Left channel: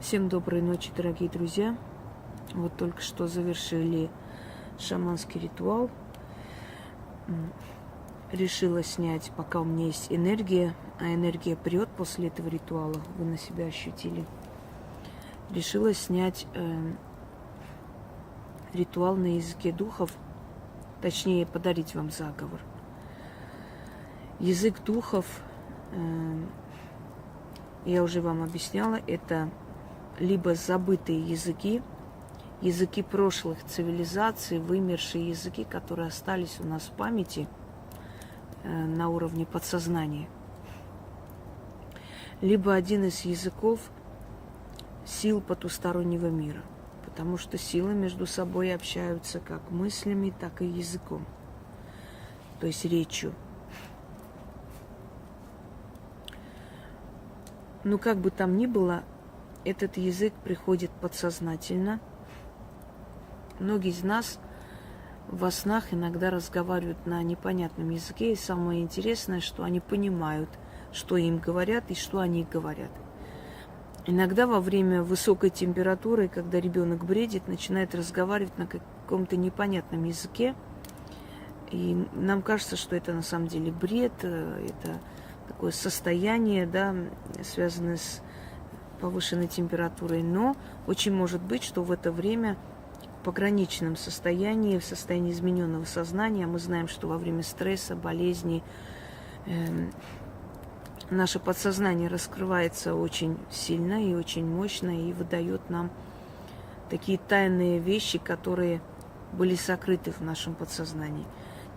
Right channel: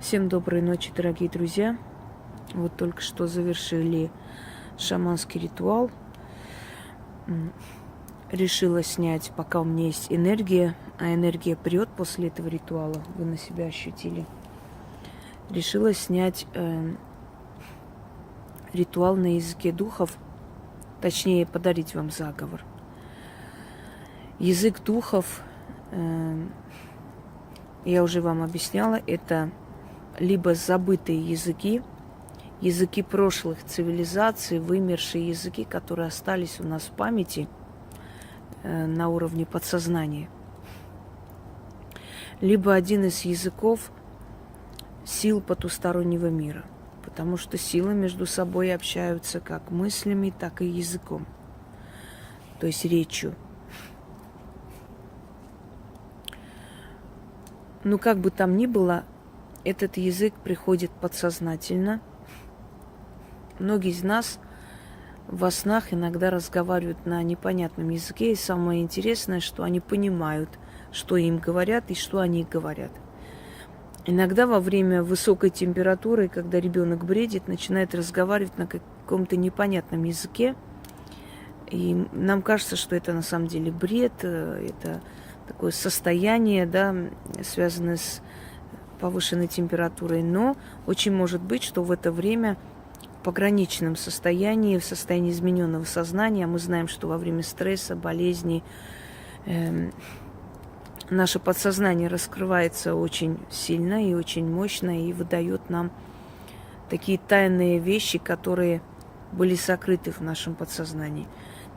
Всем доброй ночи, дорогие друзья. Вот только что завершили шаманский ритуал. Решила снять, пока у меня есть энергия, а энергия прет после этого ритуала, вы на себя ощутили. Решила снять ритуал на языке духов, точнее подарить вам заговор. Язык духов, я уже вам объясняла, это либо забытые языки, языки прошлых цивилизаций, вымершие языки, которые остались у нас в памяти на уровне подсознания. Либо один из языков сил потустороннего мира, потому что силы между собой общаются как мыслями, так и языком, то есть речью. Но как бы там ни было, этот язык приходит подсознательно. Многие из нас во снах иногда разговаривают на непонятном языке, и самое интересное, что они понимают, что им говорят и что они говорят. Иногда во время высокой температуры, когда ребенок бредит, начинает разговаривать на каком-то непонятном языке, и нам кажется, что это на самом деле бред, это такое состояние, да, связанное с повышенной температурой, но очень может быть, что в это время в пограничном состоянии, в состоянии измененного сознания, мы знаем, что во время стресса, болезни наше подсознание раскрывается очень сильно и очень мощно и выдает нам такие тайные вещи, которые были сокрыты в нашем подсознании.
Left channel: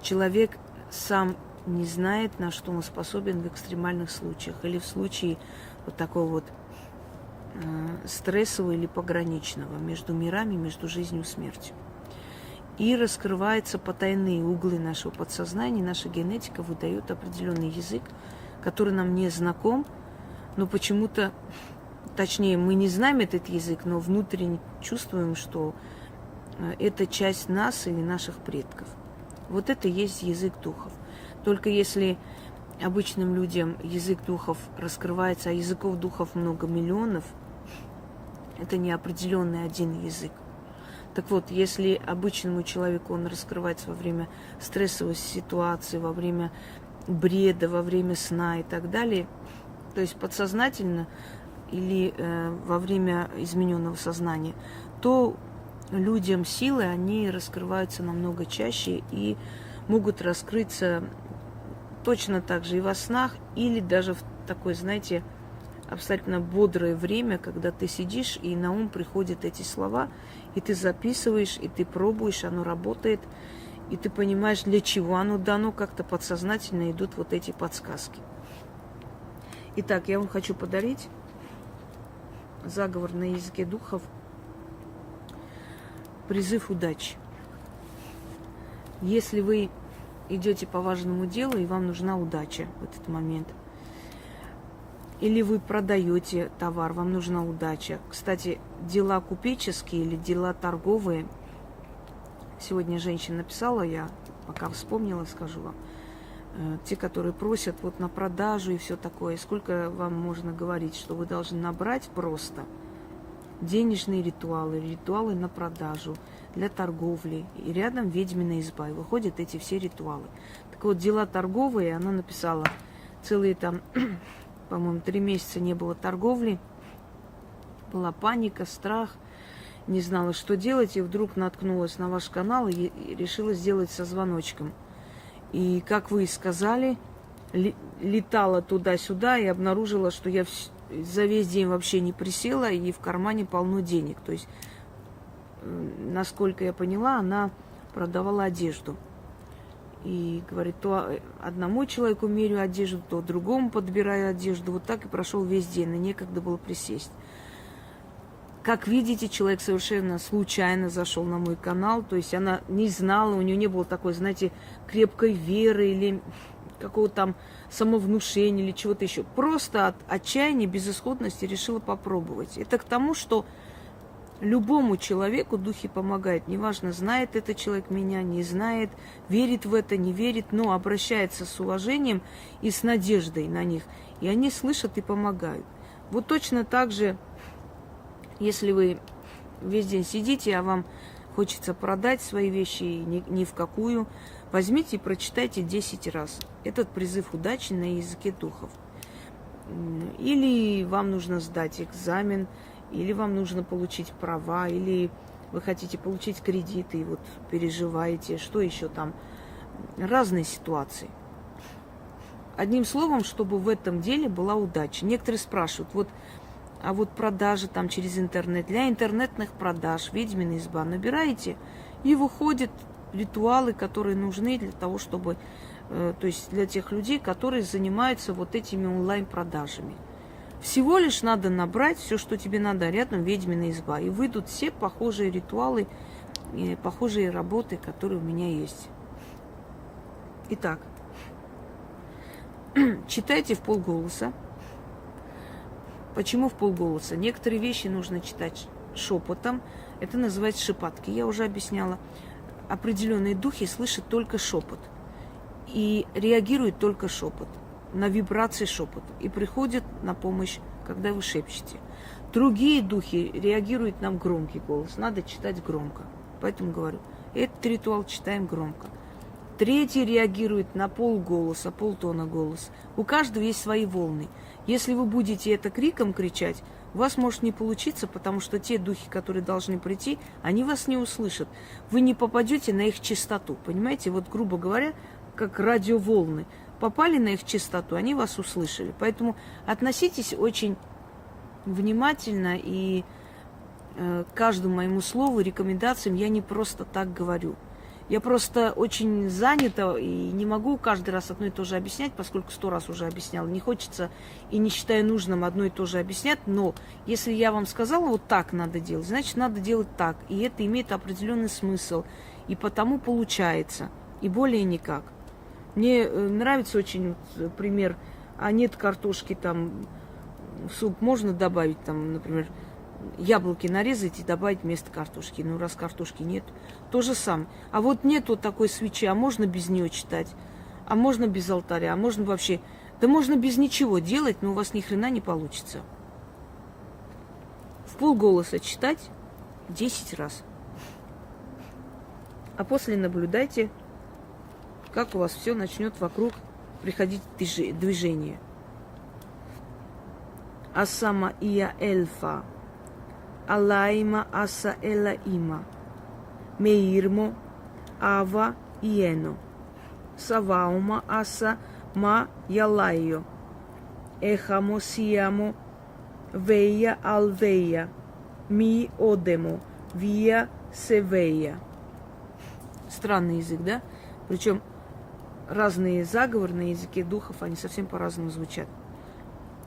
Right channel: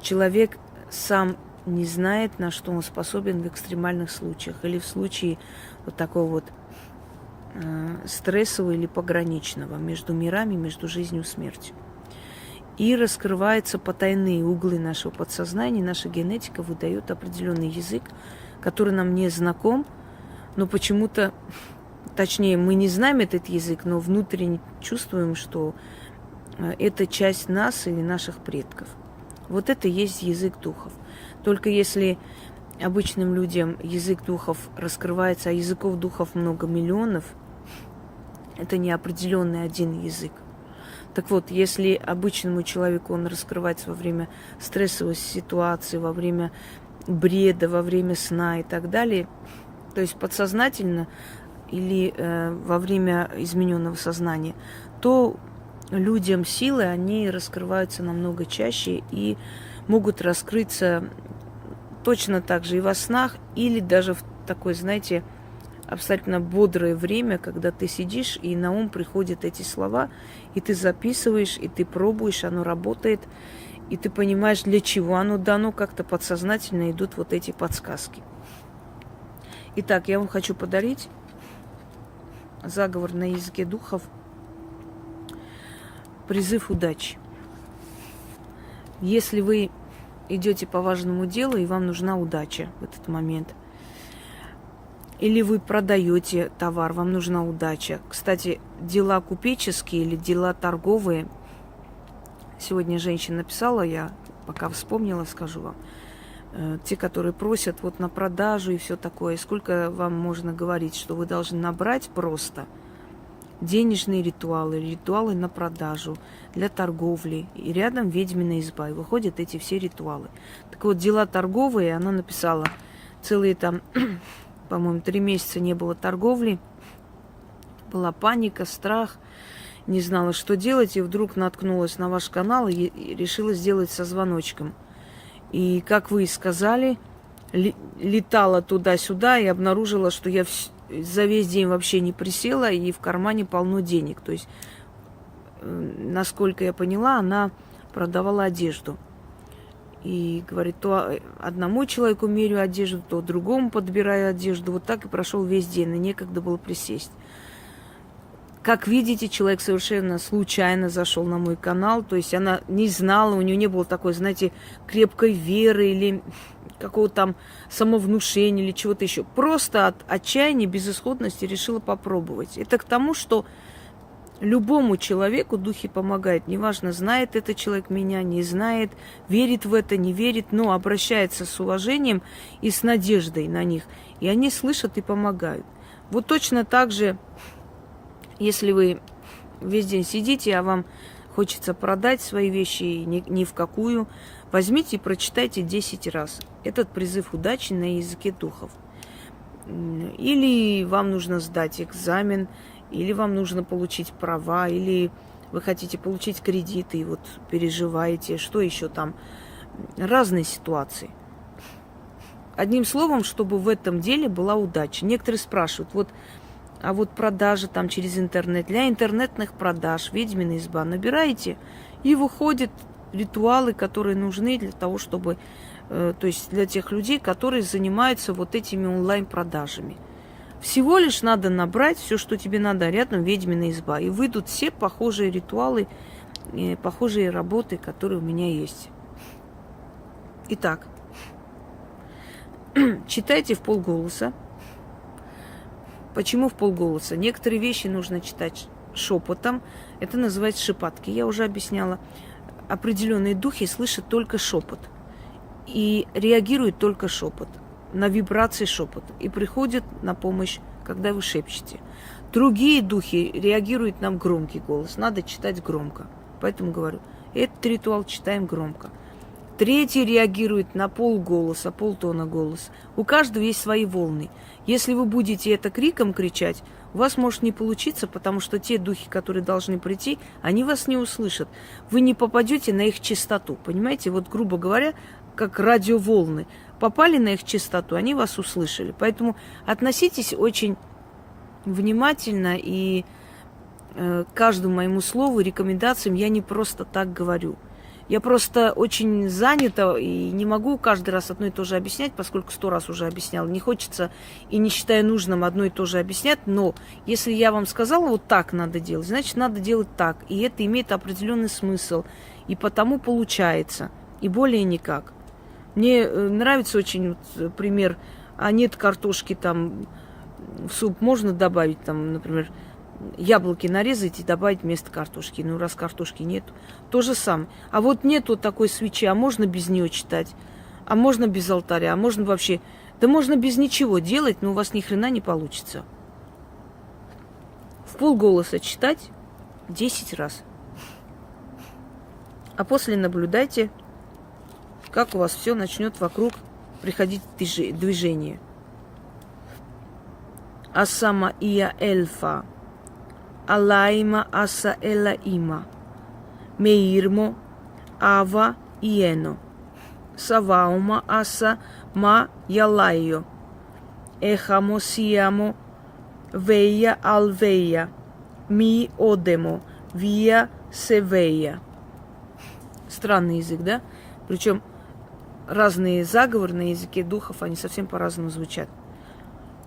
Человек сам не знает, на что он способен в экстремальных случаях или в случае вот такого вот стрессового или пограничного между мирами, между жизнью и смертью. И раскрываются потайные углы нашего подсознания, наша генетика выдает определенный язык, который нам не знаком, но почему-то, точнее, мы не знаем этот язык, но внутренне чувствуем, что это часть нас или наших предков. Вот это и есть язык духов. Только если обычным людям язык духов раскрывается, а языков духов много миллионов, это не определенный один язык. Так вот, если обычному человеку он раскрывается во время стрессовой ситуации, во время бреда, во время сна и так далее, то есть подсознательно или во время измененного сознания, то людям силы, они раскрываются намного чаще и могут раскрыться точно так же и во снах, или даже в такой, знаете, абсолютно бодрое время, когда ты сидишь, и на ум приходят эти слова, и ты записываешь, и ты пробуешь, оно работает, и ты понимаешь, для чего оно дано, как-то подсознательно идут вот эти подсказки. Итак, я вам хочу подарить заговор на языке духов, призыв удачи. Если вы идете по важному делу, и вам нужна удача в этот момент, или вы продаете товар, вам нужна удача. Кстати, дела купеческие или дела торговые, сегодня женщина написала, я пока вспомнила, скажу вам, те, которые просят вот на продажу и все такое, сколько вам можно говорить, что вы должны набрать просто денежные ритуалы, ритуалы на продажу, для торговли, и рядом ведьмина изба, и выходят эти все ритуалы. Так вот, дела торговые, она написала, целые там, по-моему, 3 месяца не было торговли, была паника, страх, не знала, что делать, и вдруг наткнулась на ваш канал и решила сделать со звоночком. И, как вы и сказали, летала туда-сюда и обнаружила, что я за весь день вообще не присела, и в кармане полно денег. То есть, насколько я поняла, она продавала одежду. И говорит, то одному человеку мерю одежду, то другому подбираю одежду. Вот так и прошел весь день, и некогда было присесть. Как видите, человек совершенно случайно зашел на мой канал. То есть она не знала, у нее не было такой, знаете, крепкой веры или какого-то там самовнушения или чего-то еще. Просто от отчаяния, безысходности решила попробовать. Это к тому, что любому человеку духи помогают. Неважно, знает этот человек меня, не знает, верит в это, не верит, но обращается с уважением и с надеждой на них. И они слышат и помогают. Вот точно так же Если вы весь день сидите, а вам хочется продать свои вещи ни в какую, возьмите и прочитайте 10 раз этот призыв удачи на языке духов. Или вам нужно сдать экзамен, или вам нужно получить права, или вы хотите получить кредиты и вот переживаете, что еще там. Разные ситуации. Одним словом, чтобы в этом деле была удача. Некоторые спрашивают, а вот продажи там через интернет, для интернетных продаж, ведьмина изба, набираете, и выходят ритуалы, которые нужны для того, чтобы, то есть для тех людей, которые занимаются вот этими онлайн-продажами. Всего лишь надо набрать все, что тебе надо, рядом ведьмина изба, и выйдут все похожие ритуалы, похожие работы, которые у меня есть. Итак, читайте в полголоса. Почему в полголоса? Некоторые вещи нужно читать шепотом. Это называется шепотки. Я уже объясняла. Определенные духи слышат только шепот. И реагируют только шепот. На вибрации шепота. И приходят на помощь, когда вы шепчете. Другие духи реагируют на громкий голос. Надо читать громко. Поэтому говорю, этот ритуал читаем громко. Третий реагирует на полголоса, полтона голос. У каждого есть свои волны. Если вы будете это криком кричать, у вас может не получиться, потому что те духи, которые должны прийти, они вас не услышат. Вы не попадете на их частоту. Понимаете, вот грубо говоря, как радиоволны. Попали на их частоту, они вас услышали. Поэтому относитесь очень внимательно и к каждому моему слову, рекомендациям я не просто так говорю. Я просто очень занята и не могу каждый раз одно и то же объяснять, поскольку 100 раз уже объясняла. Не хочется и не считаю нужным одно и то же объяснять, но если я вам сказала, вот так надо делать, значит, надо делать так. И это имеет определенный смысл. И потому получается. И более никак. Мне нравится очень пример, а нет картошки там, в суп можно добавить, там, например, яблоки нарезать и добавить вместо картошки. Ну, раз картошки нет, то же самое. А вот нет вот такой свечи, а можно без нее читать, а можно без алтаря, а можно вообще... Да можно без ничего делать, но у вас ни хрена не получится. В полголоса читать 10 раз. А после наблюдайте, как у вас все начнет вокруг приходить движение. Асама ия эльфа. Алайма аса элаима, меирмо ава иено, саваума аса ма ялайо, эхамо сиамо вея алвея, ми одемо, вия севея. Странный язык, да? Причем разные заговоры на языке духов, они совсем по-разному звучат.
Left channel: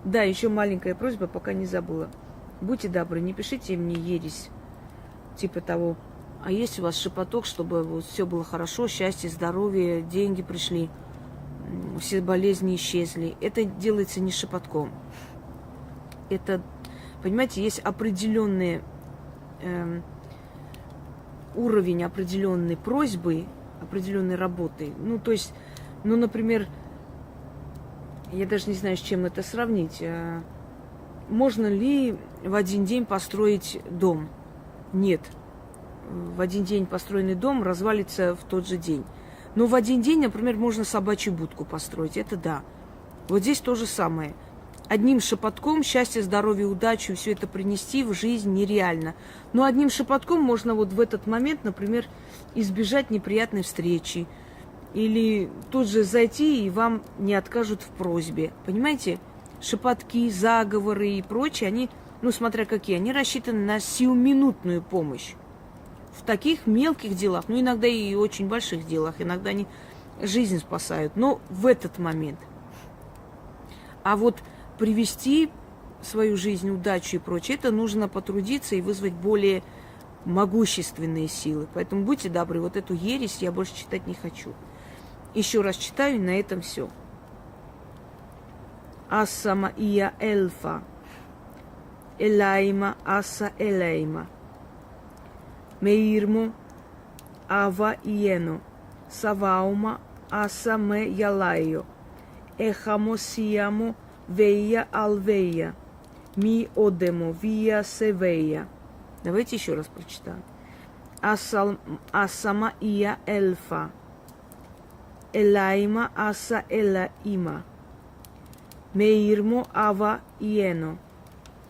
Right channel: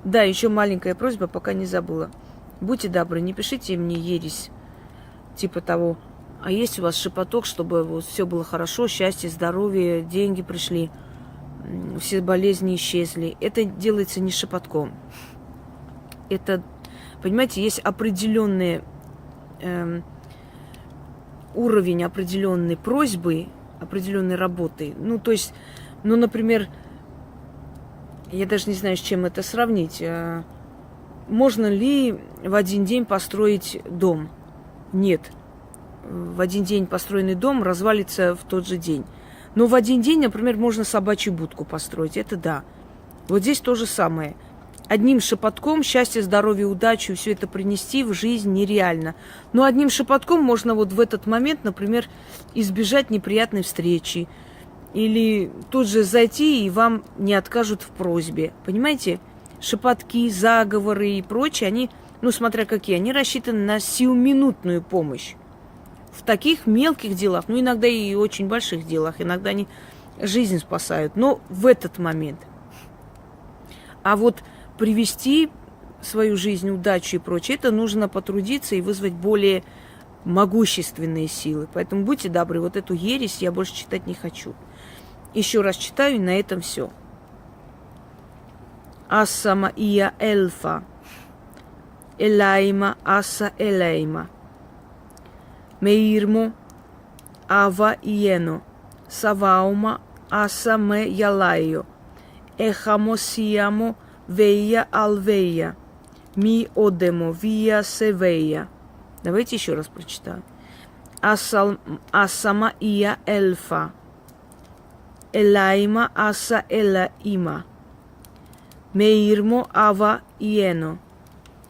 Да, еще маленькая просьба, пока не забыла. Будьте добры, не пишите мне ересь, типа того, а есть у вас шепоток, чтобы вот все было хорошо, счастье, здоровье, деньги пришли, все болезни исчезли. Это делается не шепотком. Это, понимаете, есть определенный уровень определенной просьбы, определенной работы. Ну, то есть, ну, например, я даже не знаю, с чем это сравнить. Можно ли в один день построить дом? Нет. В один день построенный дом развалится в тот же день. Но в один день, например, можно собачью будку построить. Это да. Вот здесь то же самое. Одним шепотком счастье, здоровье, удачу, все это принести в жизнь нереально. Но одним шепотком можно вот в этот момент, например, избежать неприятной встречи. Или тут же зайти, и вам не откажут в просьбе. Понимаете? Шепотки, заговоры и прочее, они, ну, смотря какие, они рассчитаны на сиюминутную помощь. В таких мелких делах, ну, иногда и очень больших делах, иногда они жизнь спасают, но в этот момент. А вот привести свою жизнь, удачу и прочее, это нужно потрудиться и вызвать более могущественные силы. Поэтому будьте добры, вот эту ересь я больше читать не хочу. Еще раз читаю, и на этом все. Асама ия эльфа, элайма аса элейма, меирмо ава иено, саваума аса ме ялайо, эхамо сиамо вея алвея, ми одемо вия севея. Давайте еще раз прочитаем. Асама ия эльфа. Элайма аса элаима. Меирмо ава иено.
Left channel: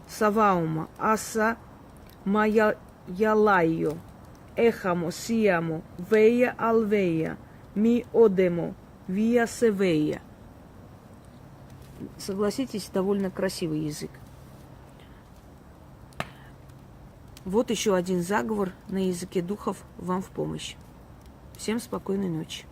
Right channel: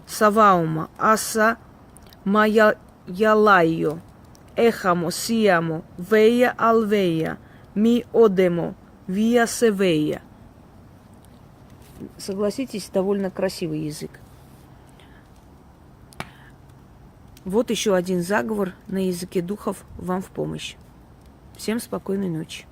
Саваума аса мая ялайо. Эхамо сиамо вея алвея. Ми одемо вия севея. Согласитесь, довольно красивый язык. Вот еще один заговор на языке духов вам в помощь. Всем спокойной ночи.